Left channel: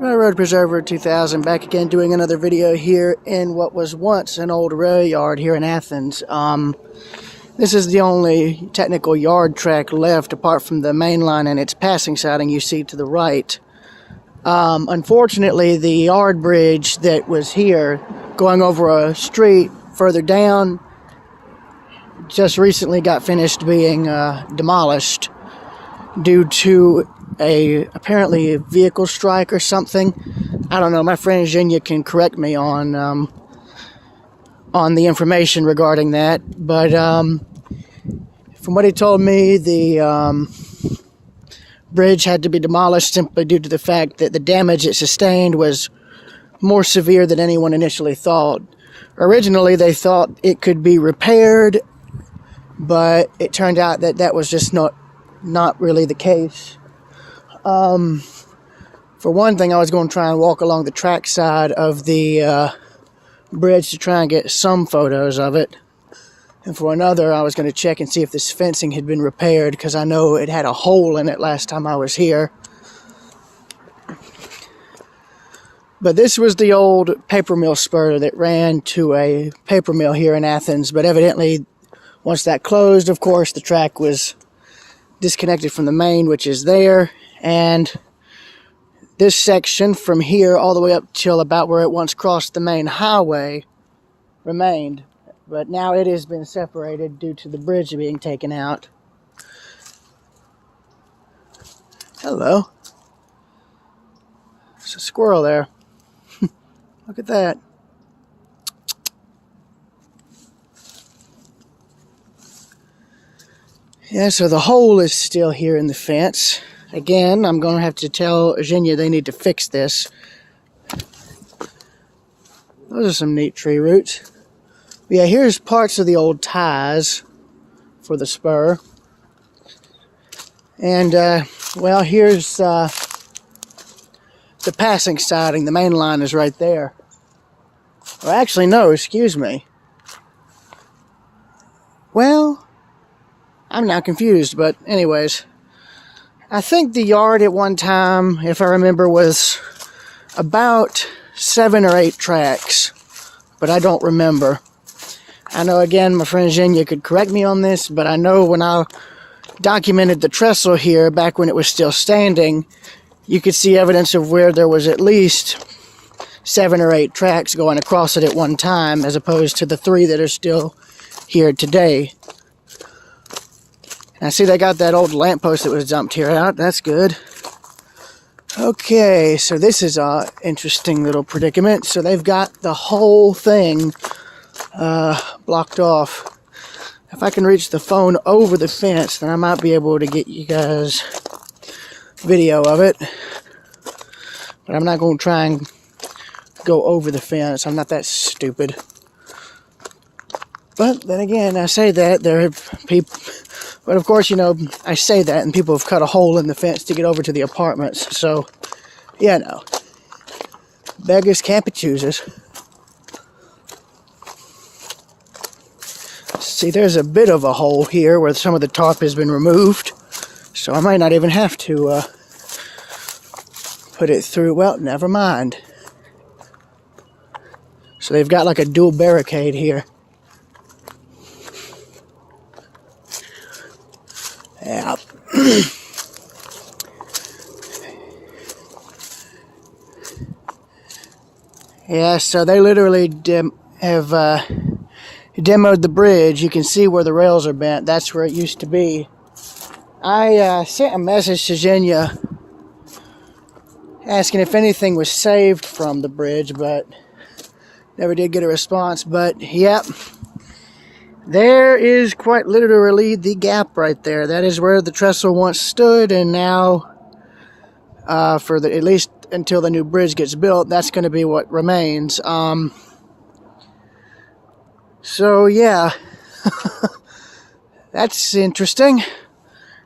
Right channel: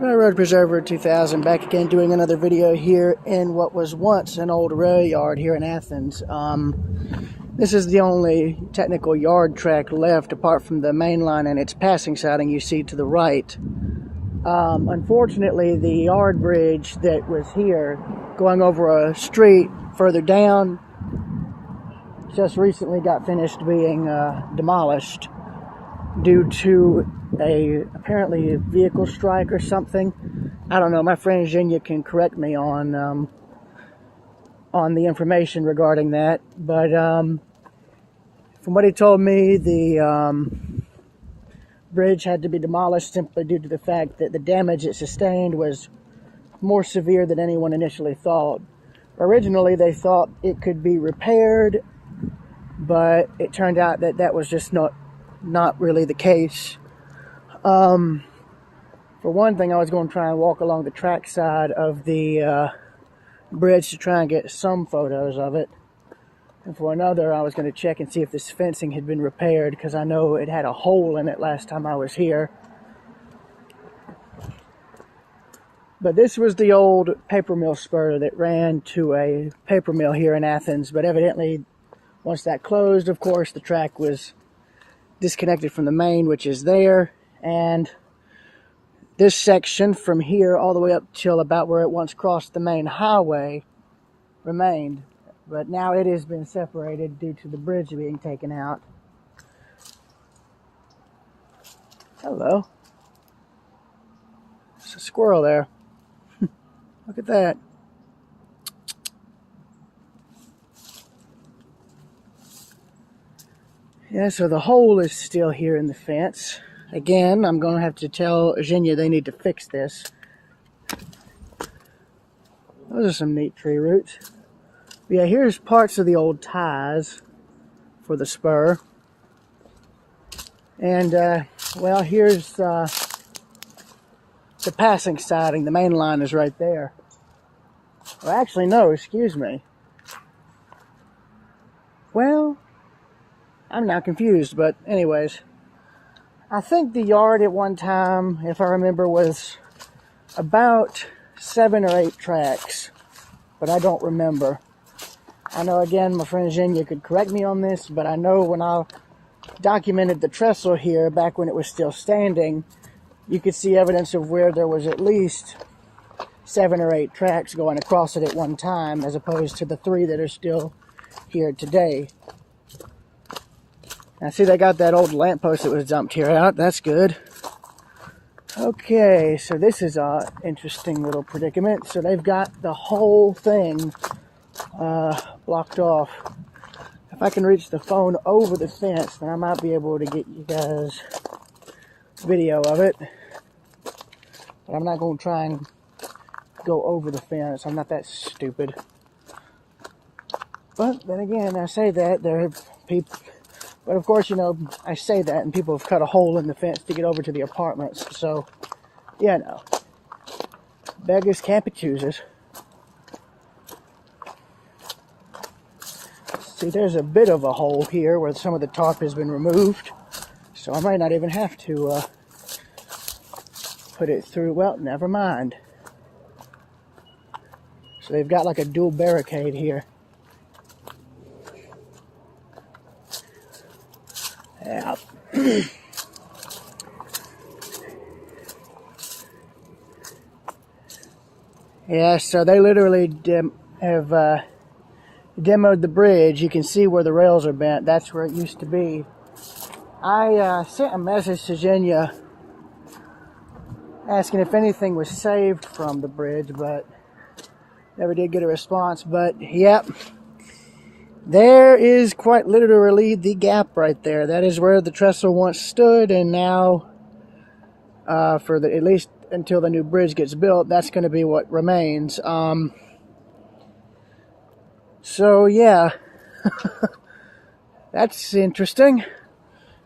Road Preserver 2000 back again doing another video here in what was once an old rail yard here in Athens. This is the only technical yard track left apart from the main line and its passing siding you see to the right. Unfortunately, the yard bridge that was here going over a street further down just recently got finished being demolished due to apparently a vehicle strike or something. I don't know. My friend Zhenya can correct me on the information regarding that. But from what he told me, the bridge had to be demolished simply due to the fact that the damage it sustained was more severe than anyone initially thought. Originally, they thought it could be repaired, but it turned out that that was just not really the case. For one thing, I was going to try and walk along the track side of the bridge to try and get some photos of it. And for another, I was going to check and see if this fencing had been repaired, because I know it had a hole in it last time I was here. But this was the old paper mill spur that ran to a paper mill here in Athens. But evidently, once that closed, of course, the track was disconnected from the main, which is there. And this section from here all the way up till about where it once crossed the main highway remained. But now it has been separated due to the bridge being taken out. Hello. There's a squirrel there. Look at that. Yeah, so the hole is still here in the fence. Again, I'm going to have to tell Zhenya they need to fix this. Those are some neat tree roots. But yeah, here's parts of the old ties for the spur. And, well, here's the passing siding. The main line is right there. Well, actually, no, excuse me. Well, I'm now confused, but anyways. I think the yard at one time, if I remember, was about 7 or 8 tracks, but I don't remember. I know, again, my friend Zhenya could correct me on this, but I know when I documented the trestle here, back when it was still standing, you could see evidence of where there was at least 7 or 8 tracks going across it at one time, as opposed to the 3 that are still here today. I see they got that old lamppost that was dumped here out. That's good. Okay, so this is an interesting little predicament. So they've got the whole thing blocked off. If I can reach the phone over the fence, then I might be able to get you guys video of it. But I'm not going to try and go over the fence. I'm not that stupid. But then again, I say that there are people... But of course, you know, I say that and people have cut a hole in the fence to get over to the apartments. So, yeah, no. Beggars can't be choosers. See, there's a bit of a hole here where some of the tarp has been removed. So I might not even have to put it through. Well, never mind. So they've got like a dual barricade here. Yeah. Yeah, so they literally have demoed the bridge. You can see where the rails are bent. That's where it used to be. I sent a message to Zhenya asking if anything was saved from the bridge, but never did get a response. But, yep. There is quite literally the gap right there. That is where the trestle once stood, and now, at least until the new bridge gets built, that's going to be what remains. So yeah, that's interesting.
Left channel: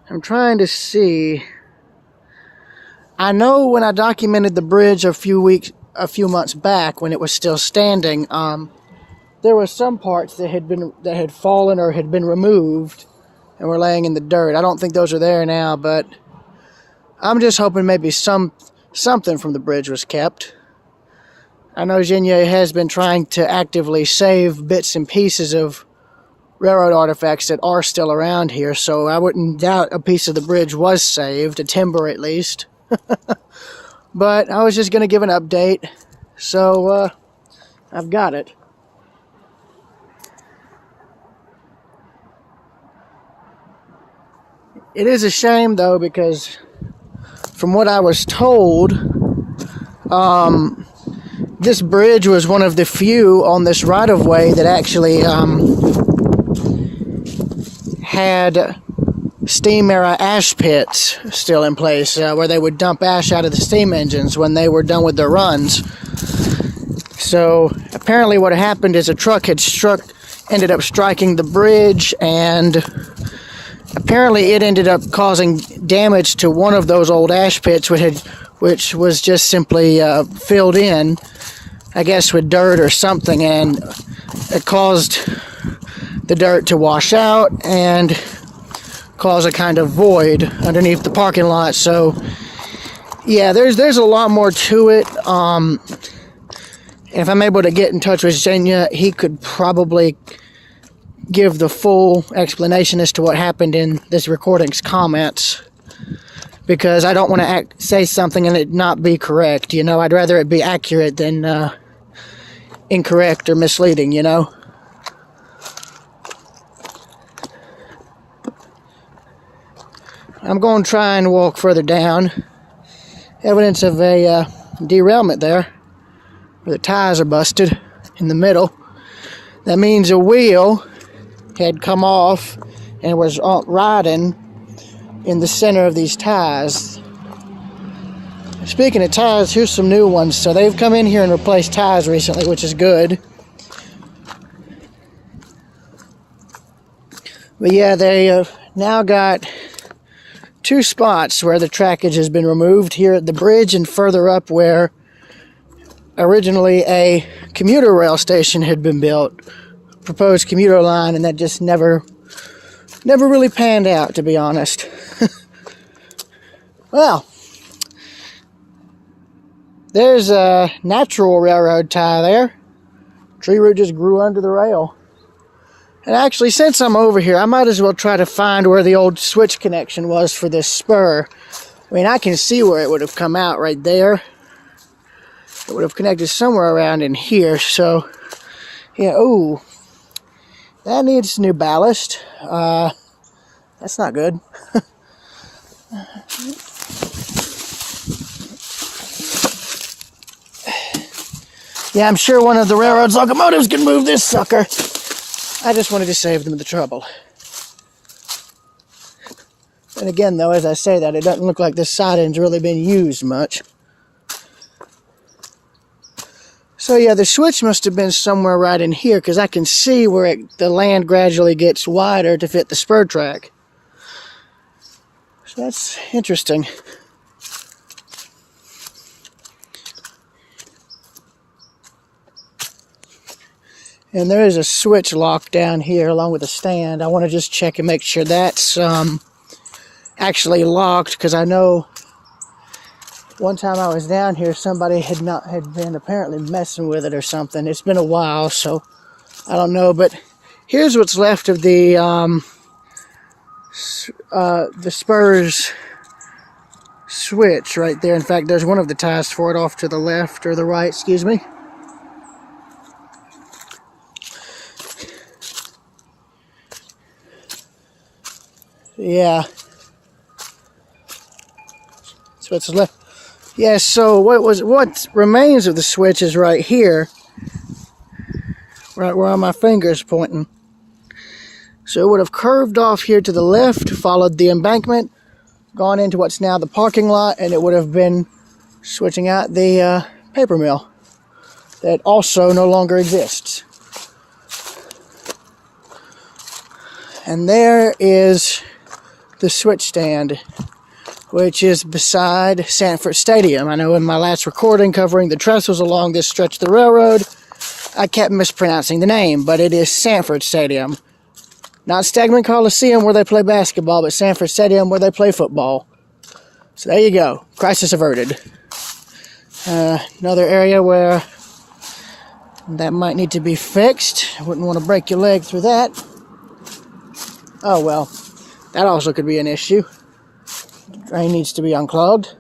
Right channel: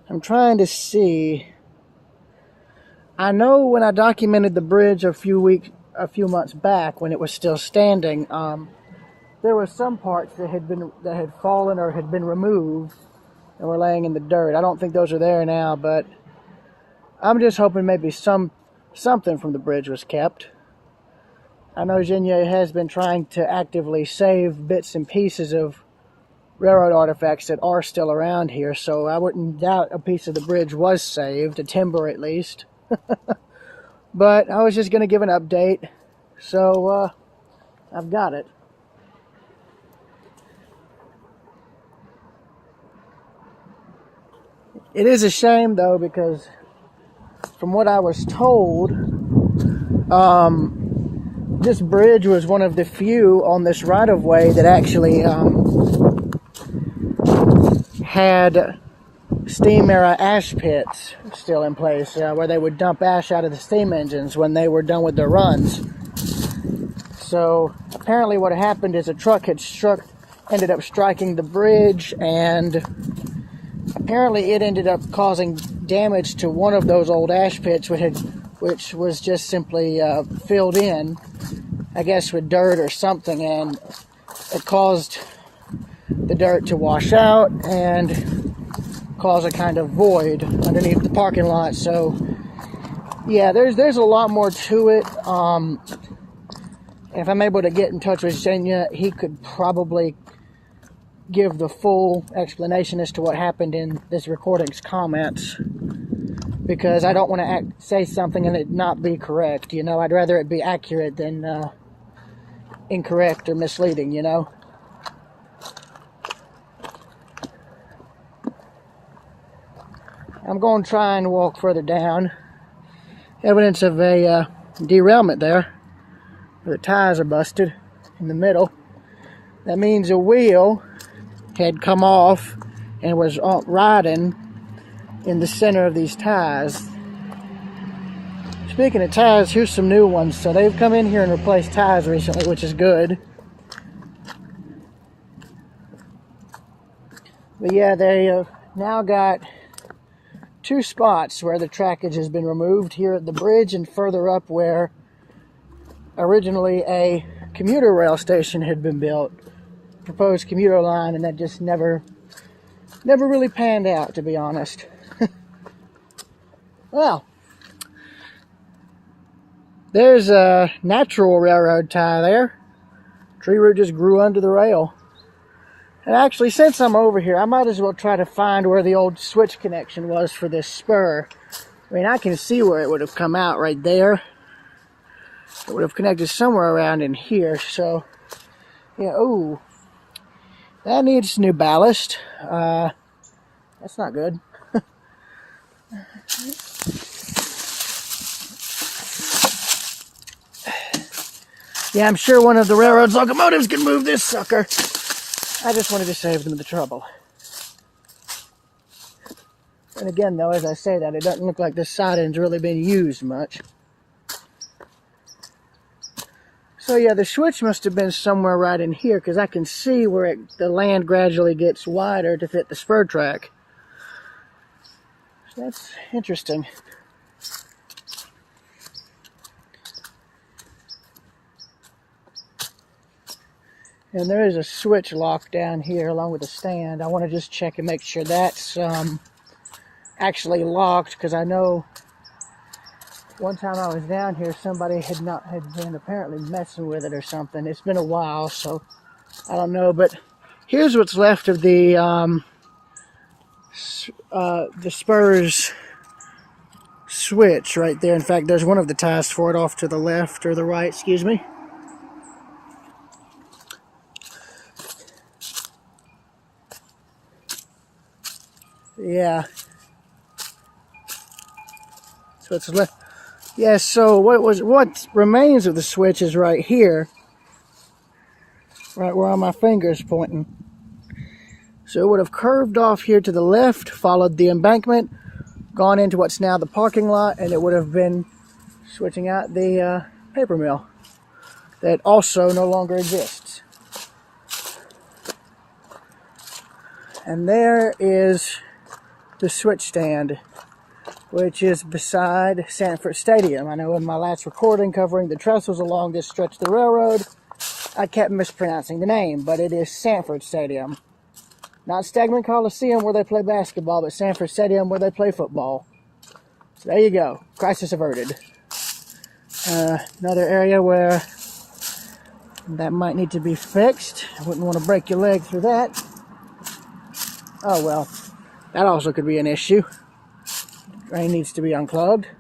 I'm trying to see. I know when I documented the bridge a few months back when it was still standing, there were some parts that had fallen or had been removed and were laying in the dirt. I don't think those are there now, but I'm just hoping maybe some something from the bridge was kept. I know Xenia has been trying to actively save bits and pieces of railroad artifacts that are still around here, so I wouldn't doubt a piece of the bridge was saved, a timber at least. But I was just going to give an update, so I've got it. It is a shame, though, because from what I was told, this bridge was one of the few on this right-of-way that actually had steam era ash pits still in place, where they would dump ash out of the steam engines when they were done with their runs. So apparently what happened is a truck had ended up striking the bridge, and apparently it ended up causing damage to one of those old ash pits, which was just simply filled in, I guess with dirt or something, and it caused the dirt to wash out and cause a kind of void underneath the parking lot. So yeah, there's a lot more to it. If I'm able to get in touch with Xenia, he could probably give the full explanation as to what happened in this recording's comments, because I don't want to say something and it not be correct, you know. I'd rather it be accurate than incorrect or misleading, you know. I'm going to try and walk further down. Evidence of a derailment there, where the tires are busted in the middle. That means a wheel had come off and was riding in the center of these tires. Speaking of tires, here's some new ones. So they've come in here and replaced tires recently, which is good. But yeah, they have now got two spots where the trackage has been removed, here at the bridge and further up where originally a commuter rail station had been built, proposed commuter line, and that just never really panned out, to be honest. Well, there's a natural railroad tie there. Tree root just grew under the rail. And actually, since I'm over here, I might as well try to find where the old switch connection was for this spur. I mean, I can see where it would have come out right there. It would have connected somewhere around in here. So, yeah, ooh, that needs new ballast. That's not good. Yeah, I'm sure one of the railroad's locomotives can move this sucker. I just wanted to save them the trouble. And again, though, as I say that, it doesn't look like this siding's really been used much. So yeah, the switch must have been somewhere right in here, because I can see where the land gradually gets wider to fit the spur track. So that's interesting. And there is a switch lock down here along with a stand. I want to just check and make sure that's actually locked, because I know one time I was down here, somebody had been apparently messing with it or something. It's been a while, so I don't know. But here's what's left of the spurs switch right there. In fact, there's one of the ties for it off to the left, or the right, excuse me. Yeah. So it's left. Yeah, so what remains of the switch is right here. Right where my finger's pointing. So it would have curved off here to the left, followed the embankment, gone into what's now the parking lot, and it would have been switching out the paper mill that also no longer exists. And there is the switch stand, which is beside Sanford Stadium. I know in my last recording covering the trestles along this stretch of the railroad, I kept mispronouncing the name, but it is Sanford Stadium. Not Stegman Coliseum where they play basketball, but Sanford Stadium where they play football. So there you go. Crisis averted. Another area where that might need to be fixed. I wouldn't want to break your leg through that. Oh well, that also could be an issue. Drain needs to be unclogged.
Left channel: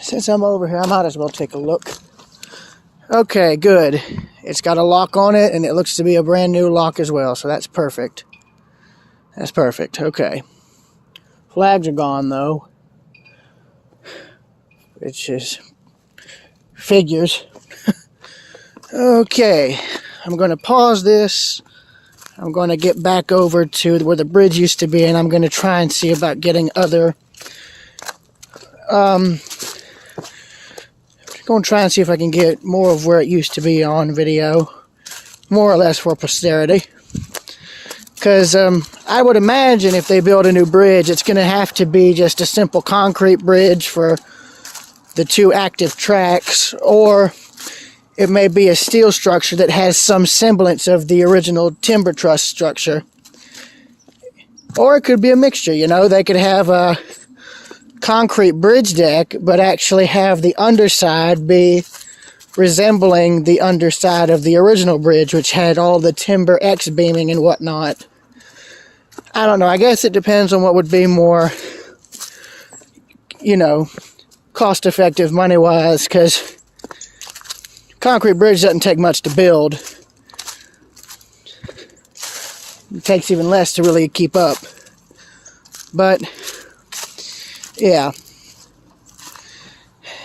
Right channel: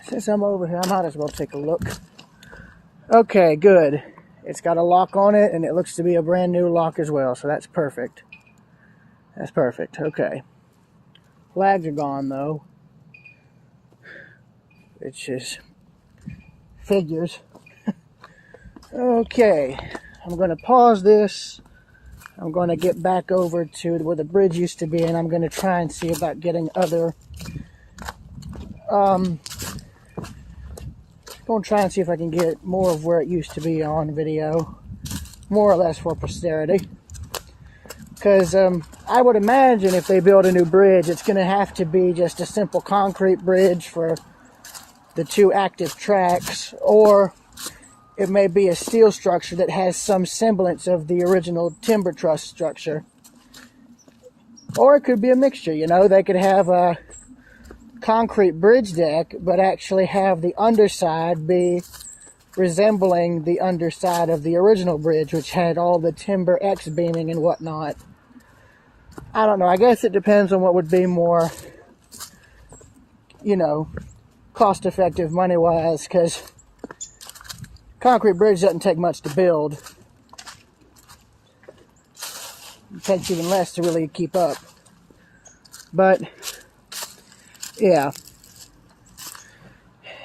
Since I'm over here, I might as well take a look. Okay, good. It's got a lock on it, and it looks to be a brand new lock as well, so that's perfect. That's perfect, okay. Flags are gone, though. Which is figures. Okay, I'm going to pause this. I'm going to get back over to where the bridge used to be, and I'm going to try and see about getting other... going to try and see if I can get more of where it used to be on video, more or less for posterity. Because I would imagine if they build a new bridge, it's going to have to be just a simple concrete bridge for the two active tracks, or it may be a steel structure that has some semblance of the original timber truss structure. Or it could be a mixture, you know, they could have a concrete bridge deck, but actually have the underside be resembling the underside of the original bridge, which had all the timber X-beaming and whatnot. I don't know, I guess it depends on what would be more, you know, cost-effective money-wise, because concrete bridge doesn't take much to build. It takes even less to really keep up. But yeah.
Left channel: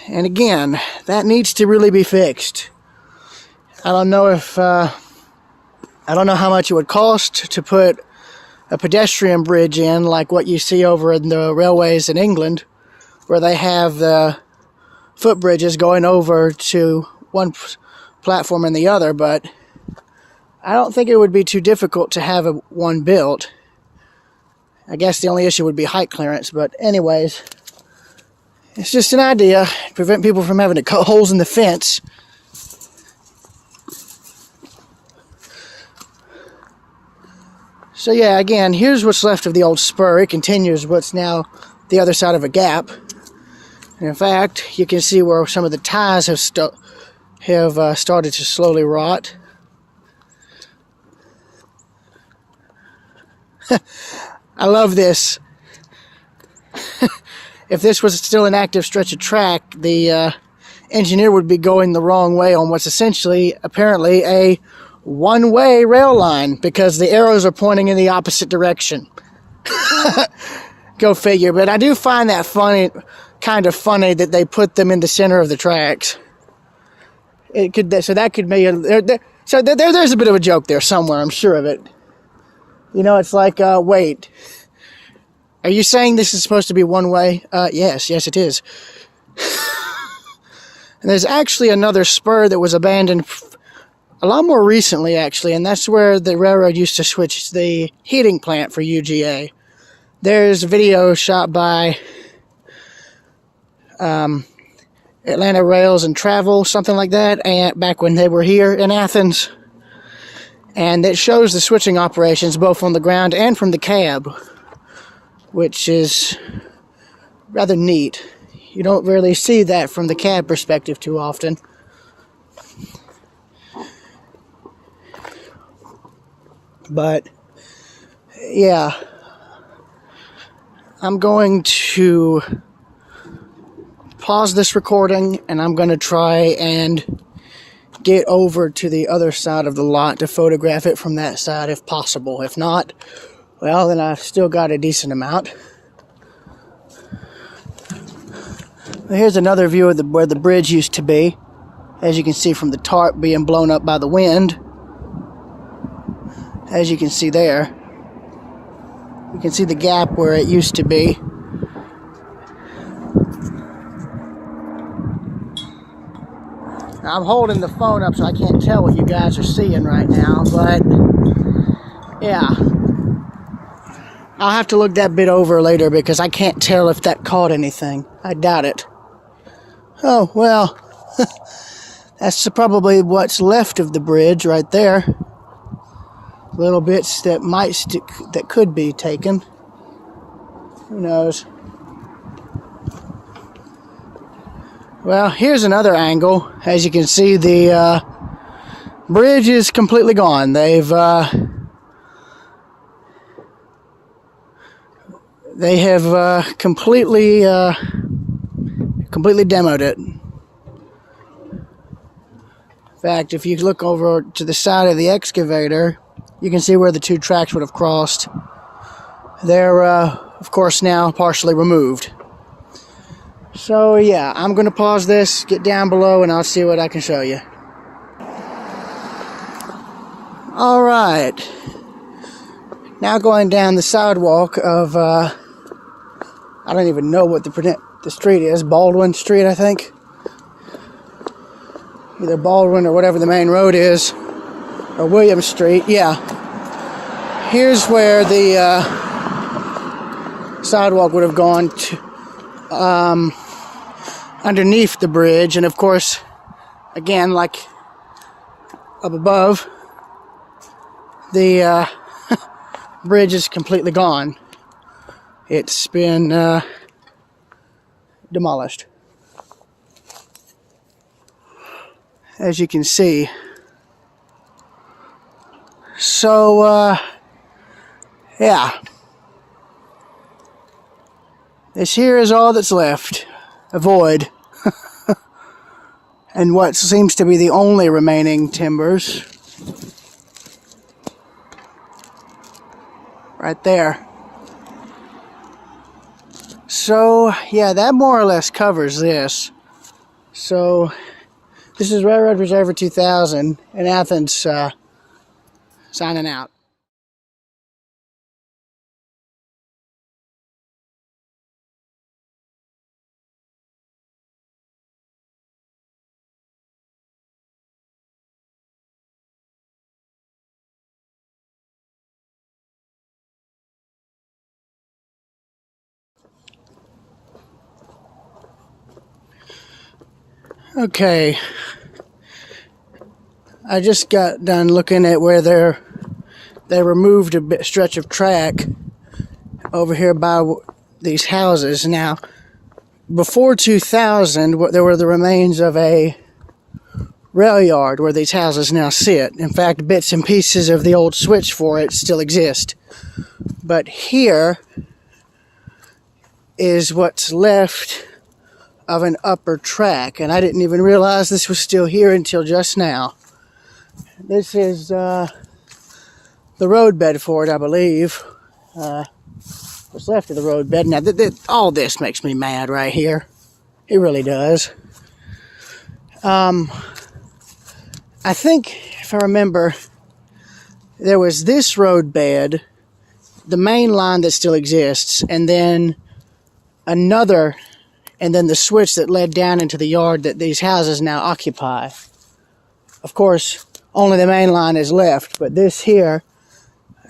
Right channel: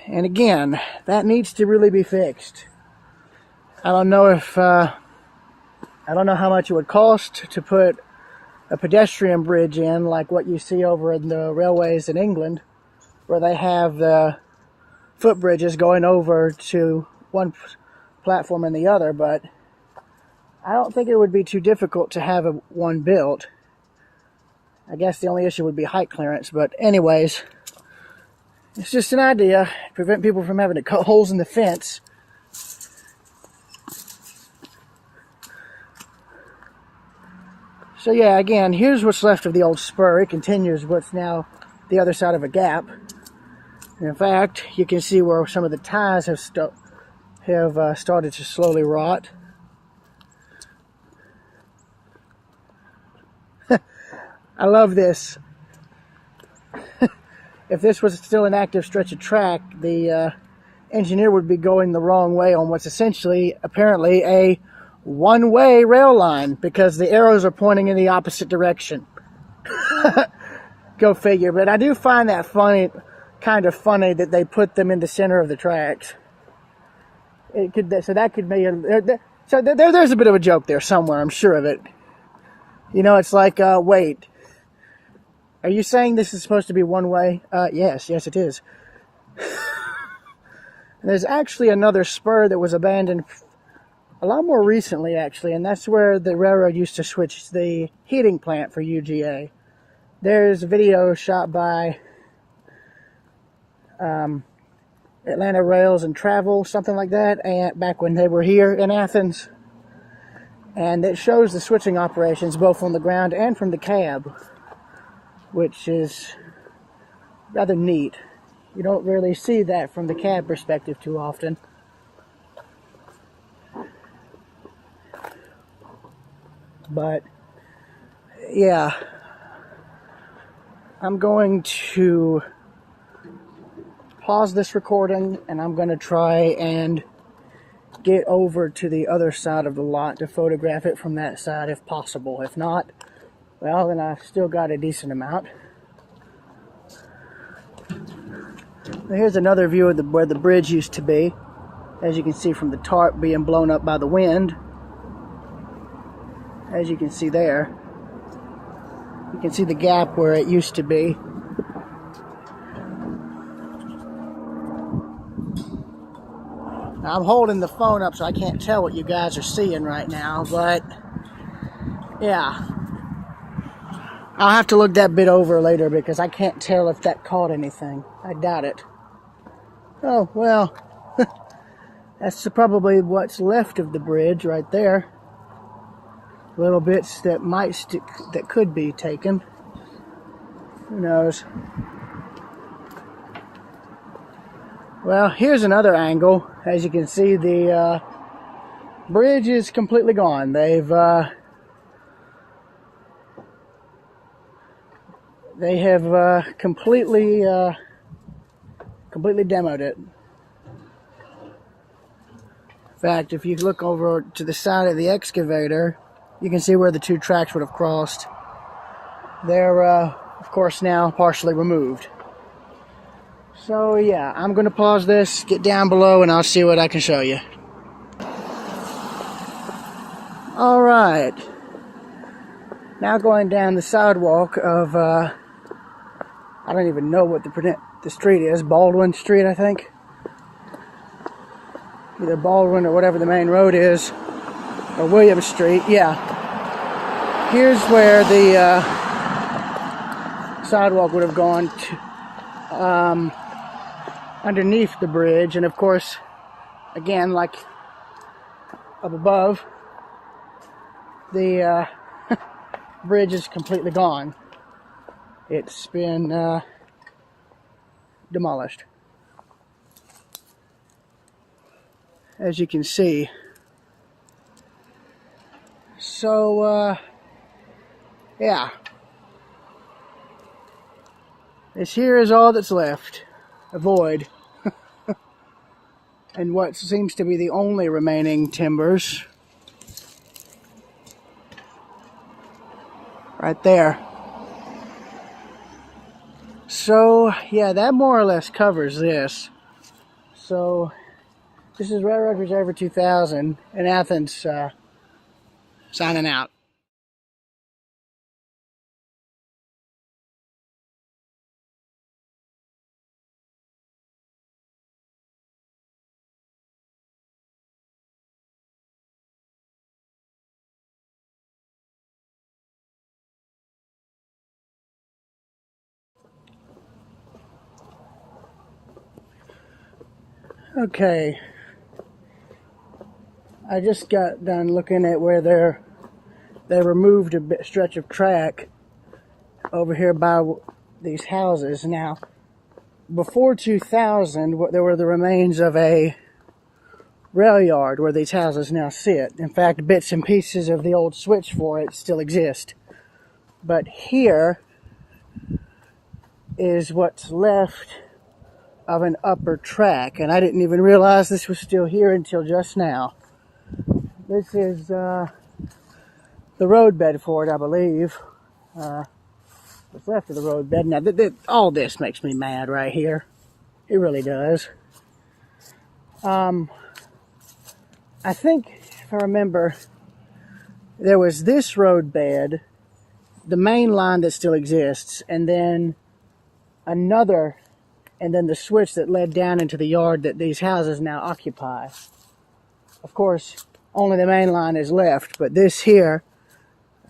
And again, that needs to really be fixed. I don't know if, I don't know how much it would cost to put a pedestrian bridge in, like what you see over in the railways in England, where they have the footbridges going over to one platform and the other, but I don't think it would be too difficult to have one built. I guess the only issue would be height clearance, but anyways, it's just an idea. Prevent people from having to cut holes in the fence. So yeah, again, here's what's left of the old spur. It continues what's now the other side of a gap. And in fact, you can see where some of the ties have started to slowly rot. I love this. If this was still an active stretch of track, the engineer would be going the wrong way on what's essentially, apparently, a one-way rail line, because the arrows are pointing in the opposite direction. Go figure. But I do find that funny, kind of funny, that they put them in the center of the tracks. It could, so that could be there's a bit of a joke there somewhere, I'm sure of it. You know, it's like, wait, are you saying this is supposed to be one way? Yes, it is. And there's actually another spur that was abandoned a lot more recently, actually, and that's where the railroad used to switch the heating plant for UGA. There's a video shot by Atlanta Rails and Travel, something like that, and back when they were here in Athens. And it shows the switching operations both on the ground and from the cab, which is rather neat. You don't really see that from the cab perspective too often. But yeah, I'm going to pause this recording, and I'm going to try and get over to the other side of the lot to photograph it from that side if possible. If not, well, then I've still got a decent amount. Here's another view of where the bridge used to be, as you can see from the tarp being blown up by the wind. As you can see there, you can see the gap where it used to be. Now, I'm holding the phone up so I can't tell what you guys are seeing right now, but yeah, I'll have to look that bit over later because I can't tell if that caught anything. I doubt it. Oh, well, that's probably what's left of the bridge right there. Little bits that that could be taken. Who knows? Well, here's another angle. As you can see, the bridge is completely gone. They have completely demoed it. In fact, if you look over to the side of the excavator, you can see where the two tracks would have crossed. They're, of course, now partially removed. So, yeah, I'm going to pause this, get down below, and I'll see what I can show you. Alright. Now going down the sidewalk of, I don't even know what the street is. Baldwin Street, I think. Either Baldwin or whatever the main road is. Or William Street, yeah. Here's where the sidewalk would have gone to, underneath the bridge. And of course, again, like up above, the bridge is completely gone. It's been demolished. As you can see. So, yeah. This here is all that's left. A void. And what seems to be the only remaining timbers. Right there. So, yeah, that more or less covers this. So, this is Railroad Preserver 2000 in Athens, signing out. Okay, I just got done looking at where they removed a stretch of track over here by these houses. Now, before 2000, there were the remains of a rail yard where these houses now sit. In fact, bits and pieces of the old switch for it still exist. But here is what's left of an upper track, and I didn't even realize this was still here until just now. This is the roadbed for it, I believe. What's left of the roadbed. Now, all this makes me mad right here. It really does. I think, if I remember, there was this roadbed, the main line that still exists, and then another, and then the switch that led down into the yard that these houses now occupy. Of course, only the main line is left, but this here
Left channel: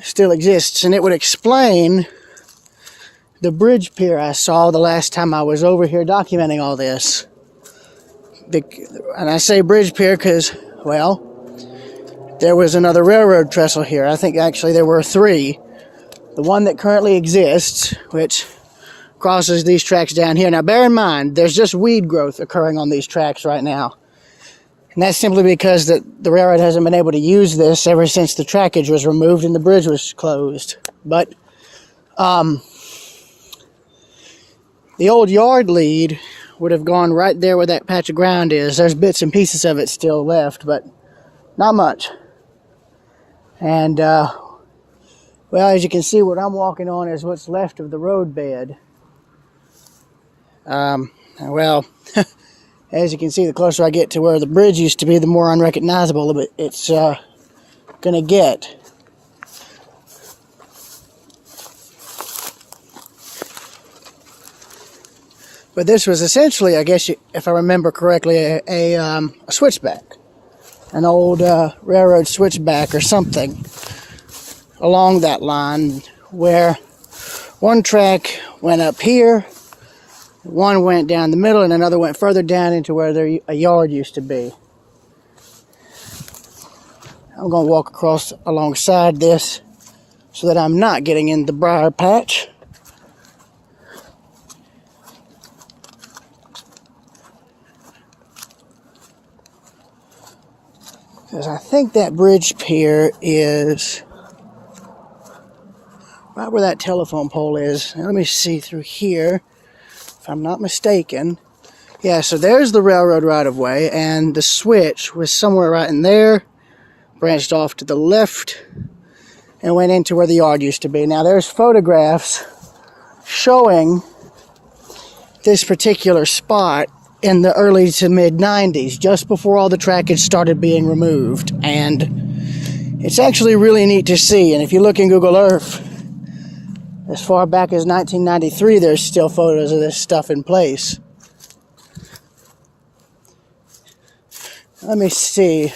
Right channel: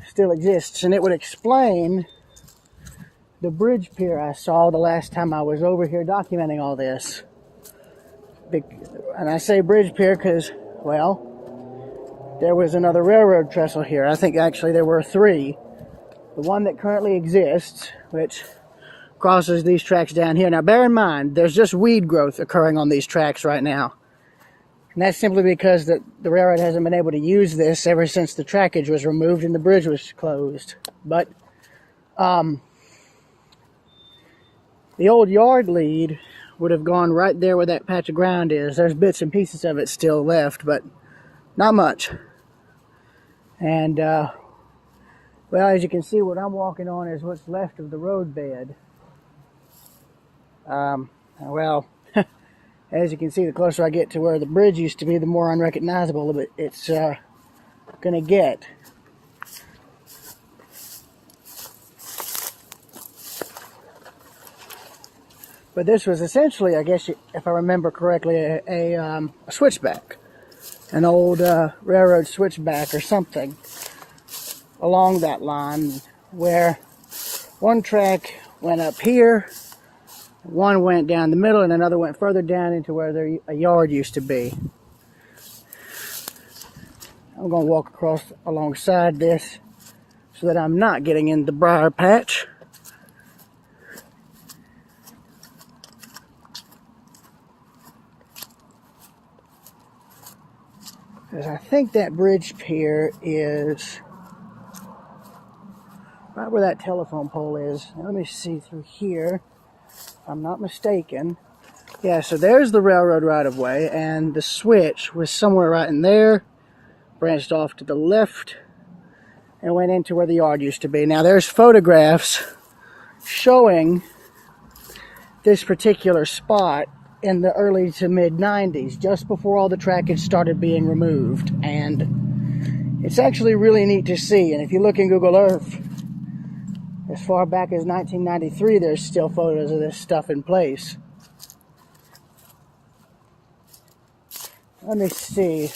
still exists, and it would explain the bridge pier I saw the last time I was over here documenting all this. And I say bridge pier because, well, there was another railroad trestle here. I think actually there were three. The one that currently exists, which crosses these tracks down here. Now bear in mind, there's just weed growth occurring on these tracks right now. And that's simply because the railroad hasn't been able to use this ever since the trackage was removed and the bridge was closed. But the old yard lead would have gone right there where that patch of ground is. There's bits and pieces of it still left, but not much. And, well, as you can see, what I'm walking on is what's left of the roadbed. Well, as you can see, the closer I get to where the bridge used to be, the more unrecognizable it's gonna get. But this was essentially, I guess, if I remember correctly, a switchback. An old railroad switchback or something along that line, where one track went up here, one went down the middle, and another went further down into where a yard used to be. I'm going to walk across alongside this so that I'm not getting in the briar patch. Because I think that bridge pier is right where that telephone pole is. Now, let me see through here, if I'm not mistaken. Yeah, so there's the railroad right-of-way, and the switch was somewhere right in there, branched off to the left, and went into where the yard used to be. Now, there's photographs showing this particular spot in the early to mid-90s, just before all the trackage started being removed. And it's actually really neat to see. And if you look in Google Earth, as far back as 1993, there's still photos of this stuff in place. Let me see.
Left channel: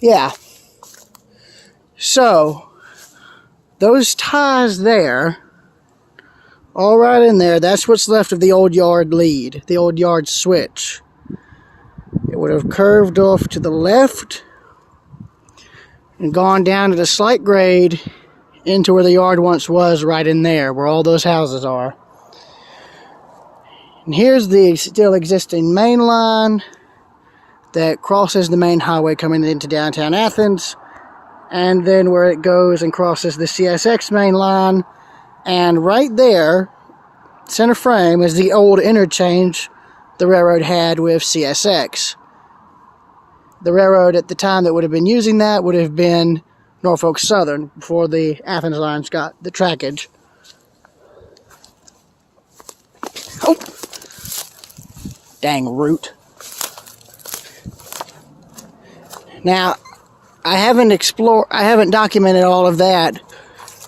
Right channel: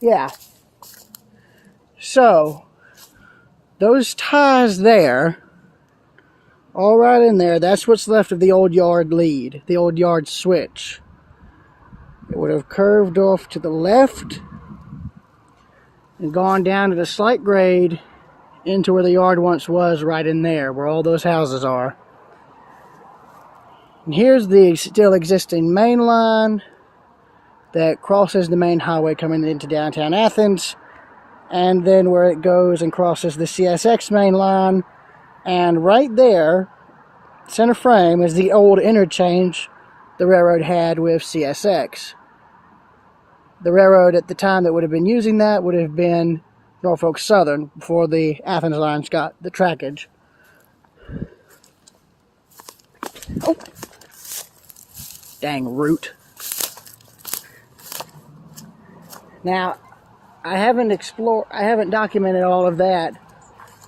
Yeah. So, those ties there, all right in there, that's what's left of the old yard lead, the old yard switch. It would have curved off to the left and gone down at a slight grade into where the yard once was, right in there, where all those houses are. And here's the still existing main line that crosses the main highway coming into downtown Athens, and then where it goes and crosses the CSX main line. And right there, center frame, is the old interchange the railroad had with CSX. The railroad at the time that would have been using that would have been Norfolk Southern, before the Athens lines got the trackage. Oh! Dang root. Now, I haven't documented all of that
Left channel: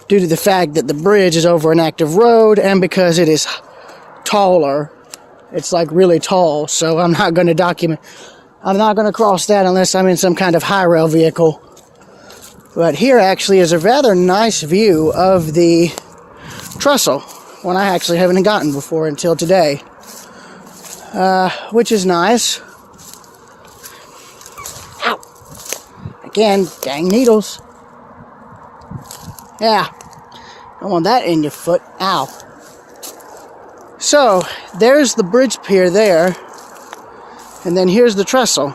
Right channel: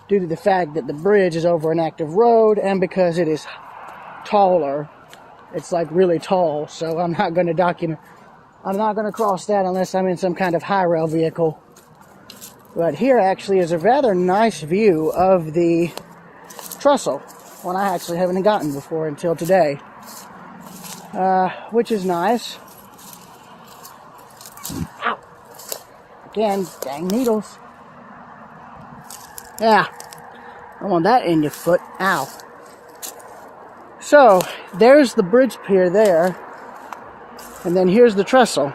due to the fact that the bridge is over an active road, and because it is taller. It's like really tall, so I'm not going to cross that unless I'm in some kind of high rail vehicle. But here actually is a rather nice view of the trestle, one I actually haven't gotten before until today, which is nice. Ow! Again, dang needles. Yeah, I want that in your foot. Ow. So, there's the bridge pier there, and then here's the trestle.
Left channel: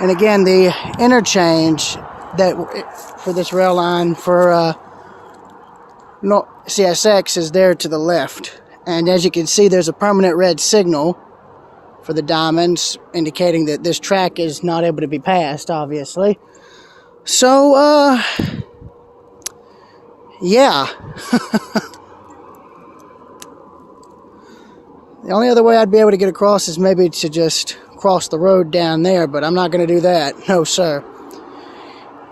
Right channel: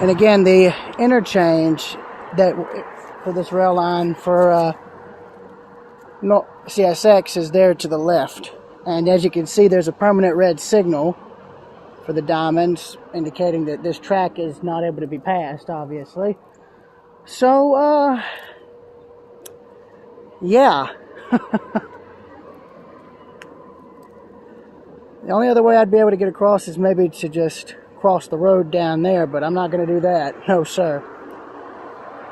And again, the interchange that for this rail line for CSX is there to the left. And as you can see, there's a permanent red signal for the diamonds, indicating that this track is not able to be passed, obviously. So, yeah. The only other way I'd be able to get across is maybe to just cross the road down there, but I'm not going to do that. No, sir.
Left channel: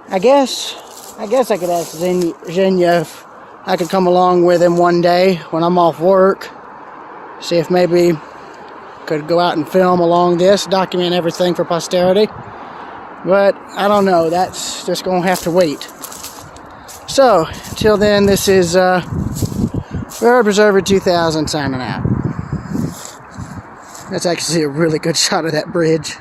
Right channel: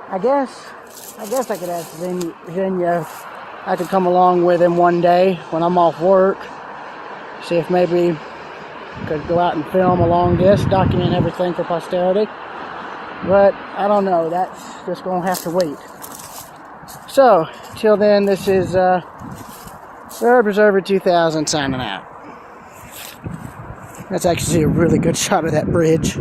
I guess I could ask Xenia if I could come along with him one day when I'm off work. See if maybe I could go out and film along this, document everything for posterity. But I don't know. That's just going to have to wait. So, till then, this is Railroad Preserver 2000 signing out. That's actually a really good shot of that bridge.